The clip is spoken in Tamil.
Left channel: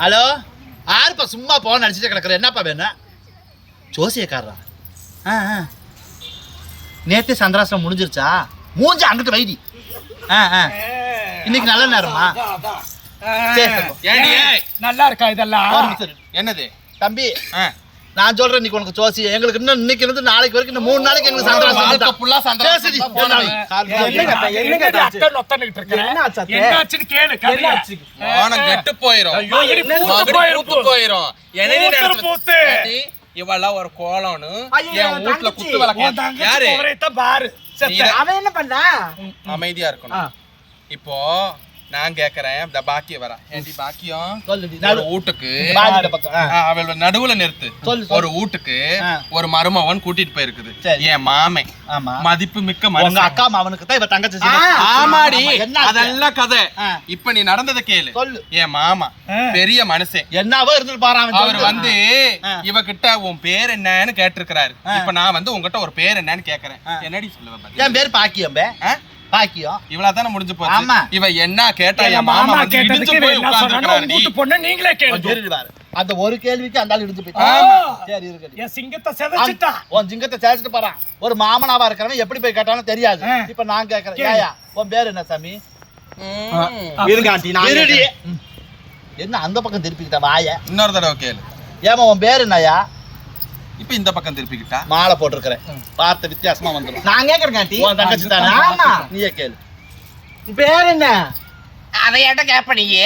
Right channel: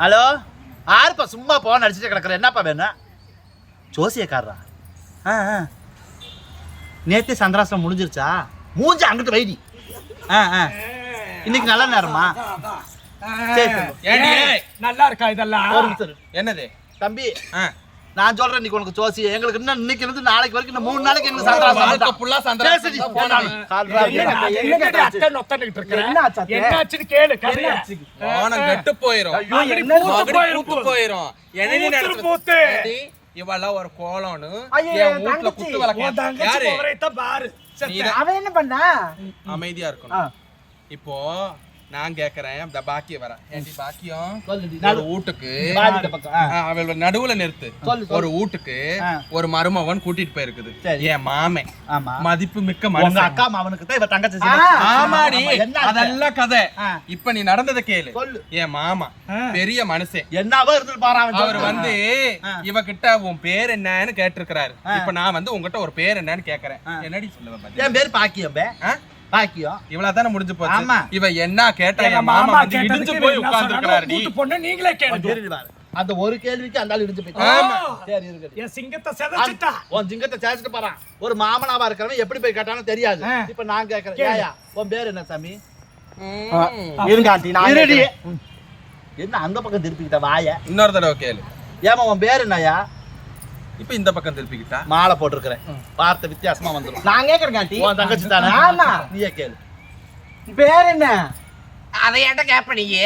ஹலோ, யாருப்பா சும்மா போன் அடிச்சுட்டு கிடக்குற? என்னப்பா வேணும்? ஜோசியக்காரரா? நேத்தே சந்திராசிரம் முடிஞ்சிருச்சா? மூஞ்சி அங்கிட்டு வைடி. இன்னைக்கு நல்ல நேரமா? நல்லா இருக்கா இதெல்லாம்? என்னது தம்பி, நான் சொல்றேன், இன்னைக்கு உனக்கு ஜோசி எங்களுக்கு இன்னும் இன்னைக்கு இருந்து நாளைக்கு வரைக்கும் இந்த 3 நாளைக்கு எங்களுக்கு சந்திராசிரம். இவெல்லாம் ஒரு கோலம்னு வீட்டுல குத்து விளக்கு பாரு. அவன் என்ன பண்ணா? அமைதியா இருக்கணும். இப்போ நான் கேக்குறேன், இந்த பாக்கியம் வர பாக்கியம் ஒரு வீட்டுக்கு அவள் நடுவுல நிறுத்து. ஒரு வீட்டுக்கு ஒரு மருமவன் கூட்டிட்டு போயிருக்குது. என் மாமன் மதிப்பு மிக்க உங்க அக்கா மாவனுக்கு தான் இவ தங்கச்சி. ஆமாடி, அதெல்லாம் கதை. இப்ப நீ நடந்ததை கேளு. என் மாமா பெரிய மனுஷன், என்னவோ இருந்துட்டு பாரு. அவர் வந்து இவகிட்ட உன் பேர் என்னன்னு கேட்டிருக்கிறாரு. இப்ப நான் வந்து உங்ககிட்ட ஒரு பேர் என்னன்னு கேக்குறேன். என்னடி சொல்லுவேன்? என் பேர் பாக்கியம். பாக்கியம் இவ்வளவுதானே முடிஞ்சு போச்சு. இவ என்ன கேட்டா? என் மாமா இடிச்சு போய் உட்கார்ந்துட்டாரு. நீங்களே கேளுங்க. அந்த ஒரு கேள்விக்கு அந்த ஆள் இடிச்சு போயிட்டான். சரி இருக்கு. என் சிங்கத்தை செதச்சிட்டா. உன் சிங்கத்தை சேச்சிட்டு போறான். ஒரு மாமனாவா இருக்கிறவன் எப்படி போய் கேட்டாலும் தெரியாது. இப்ப நான் கேக்குறேன், ஏயா உன் பேர் என்ன சாமி? என்ன அந்த பக்கம் திருப்பிக்கிட்ட வாய? இன்னொரு தடவை கேளு. ஏமா உன் பேர் என்னயா? இப்ப இந்த பக்கம் திருப்பிக்கிட்டா. மாலை போட்டிருக்கிறேன், பார்த்த வித்தியாசமா வந்துடும். நான் கேக்குறேன் காட்டி. உன் தங்கச்சி தானே? ஆமா. நீயே கேளு. பேர் என்ன? அதை ஏட்ட கேப்ப நீங்க.